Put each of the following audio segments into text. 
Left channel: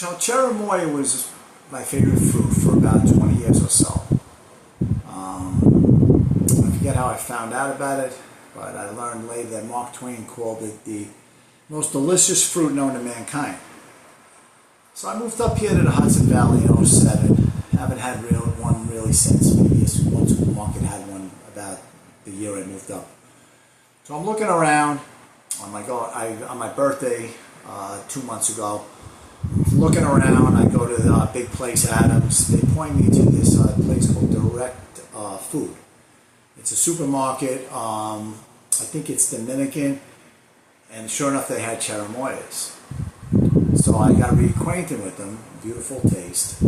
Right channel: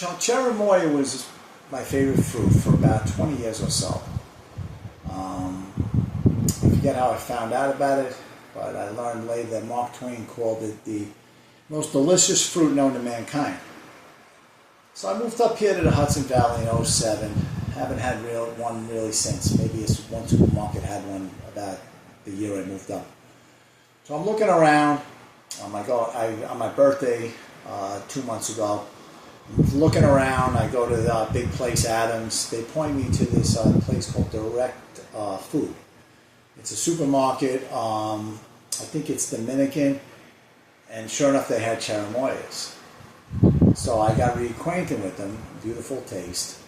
So cherimoya was my favorite fruit for about 20 years or so. I forget how I found out about it, but I learned later that Mark Twain called it the most delicious fruit known to mankind. So I moved up here to the Hudson Valley in '07. Haven't had one really since. Maybe one supermarket had one about the year I moved up. So I'm looking around on my birthday 2 months ago. Looking around, I go to the big place Adams. They point me to this place called Direct Food. It's a supermarket. I think it's Dominican, and sure enough, they had cherimoyas. So I got reacquainted with them. Beautiful taste.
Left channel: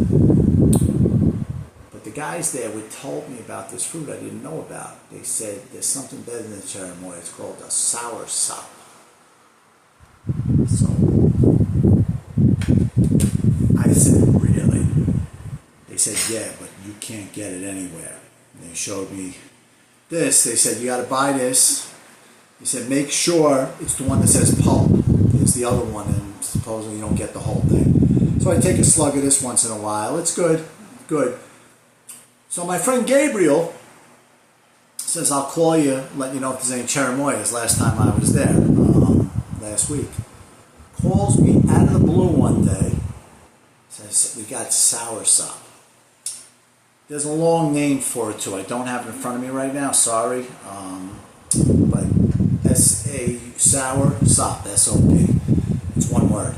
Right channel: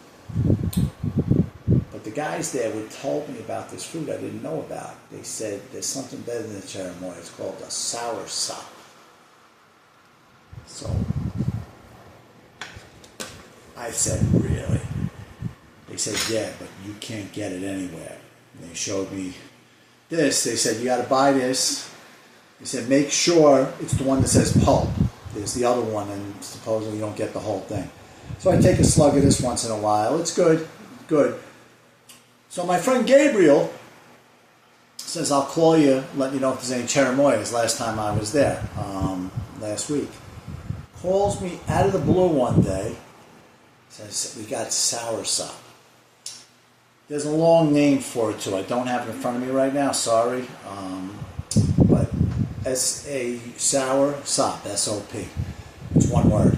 But the guys there told me about this fruit I didn't know about. They said there's something better than cherimoya. It's called a Soursop. So I said, really? They said, yeah, but you can't get it anywhere. And they showed me this. They said, you got to buy this. They said, make sure it's the one that says pulp. There's the other one, and supposedly you don't get the whole thing. So I take a slug of this once in a while. It's good, good. So my friend Gabriel says, I'll call you, let you know if there's any cherimoyas. Last time I was there, last week. Calls me out of the blue one day. Says, we got Soursop. There's a long name for it too. I don't have it in front of me right now, sorry. But that's a Soursop, S-O-P. It's one word.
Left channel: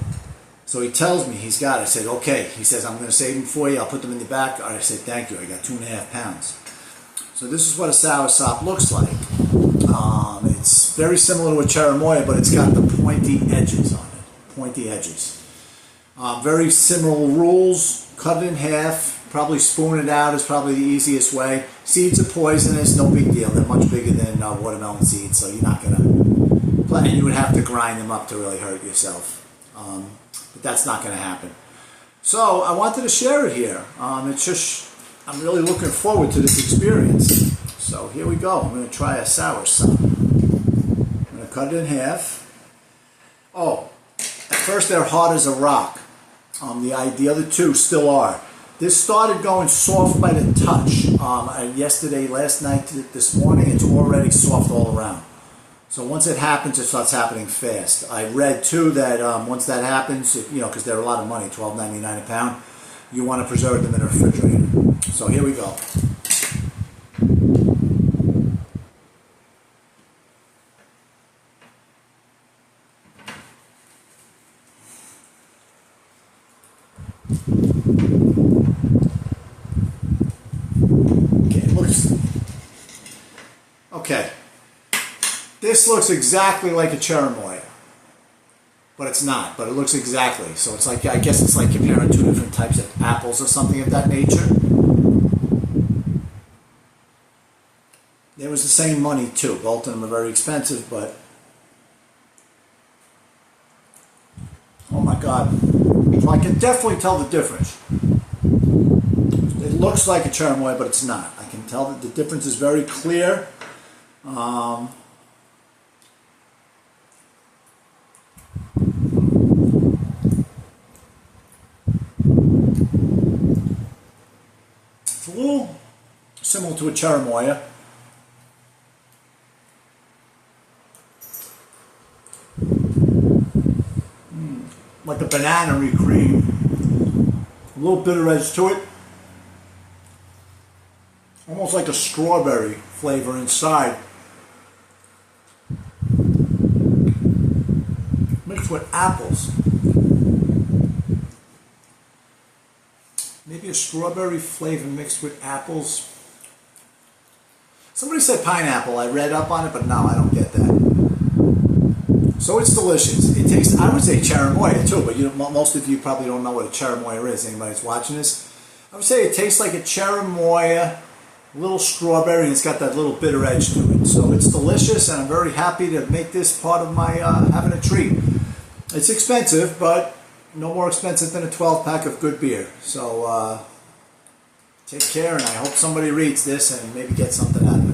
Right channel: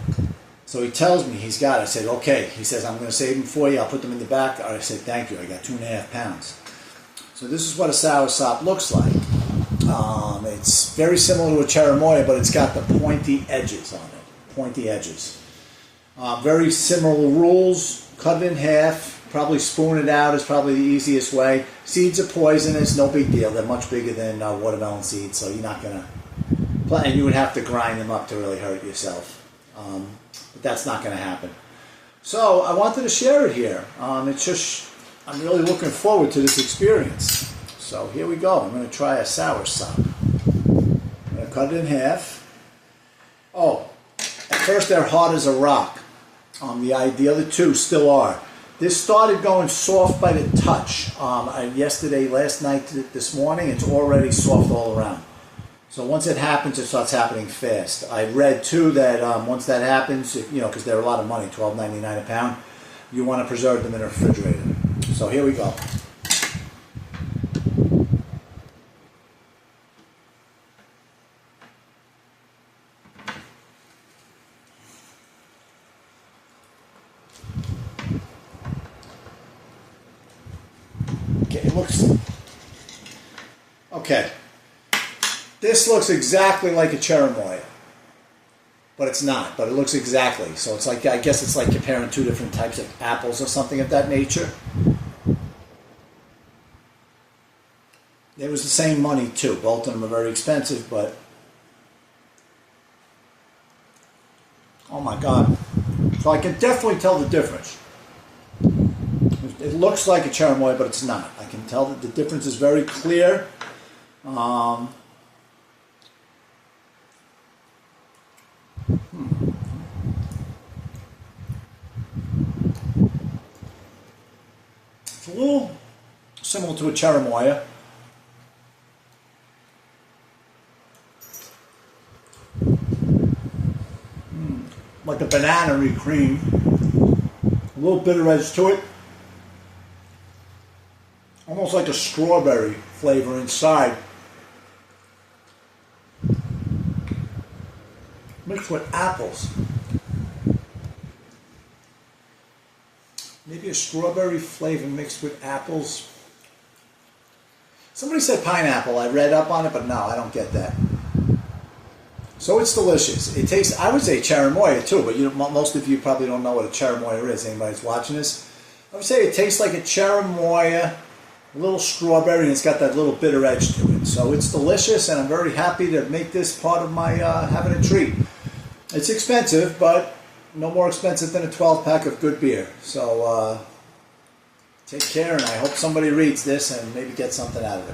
So he tells me he's got it. I said, okay. He says, I'm going to save them for you. I'll put them in the back. I said, thank you. I got 2.5 pounds. So this is what a Soursop looks like. It's very similar to a cherimoya, but it's got the pointy edges on it. Pointy edges. Very similar rules. Cut it in half. Probably spoon it out is probably the easiest way. Seeds are poisonous. No big deal. They're much bigger than watermelon seeds, so you're not going to... And you would have to grind them up to really hurt yourself. But that's not going to happen. So I wanted to share it here. It's just... I'm really looking forward to this experience. So here we go. I'm going to try a Soursop. I'm going to cut it in half. Oh, at first they're hard as a rock. The other two still are. This started going soft by the touch. Yesterday, last night, this morning, it's already soft all around. So once it happens, it starts happening fast. I read too that once that happens, because they're a lot of money, $12.99 a pound, you want to preserve them in a refrigerator. So here we go. Okay, this looks exactly like a cherimoya, but it's not, but it looks exactly. So it's like, I guess it's like comparing two different types of apples or something of that nature. It was the same money too. Both of them are very expensive, but oh my God. So I can definitely tell the difference. It looks like a cherimoya, but it's not. I can tell that the difference is very clear. It's a little similar to a cherimoya. Like a banana-y cream. A little bitter edge to it. Almost like a strawberry flavor inside. Mixed with apples. Maybe a strawberry flavor mixed with apples. Somebody said pineapple. I read up on it, but no, I don't get that. So it's delicious. It tastes, I would say cherimoya too, but most of you probably don't know what a cherimoya is. Anybody that's watching this? I would say it tastes like a cherimoya, a little strawberry, and it's got that little bitter edge to it. So it's delicious, and I'm very happy to make this part of my having a treat. It's expensive, but no more expensive than a 12-pack of good beer. So take care, and I hope somebody reads this and maybe get something out of it.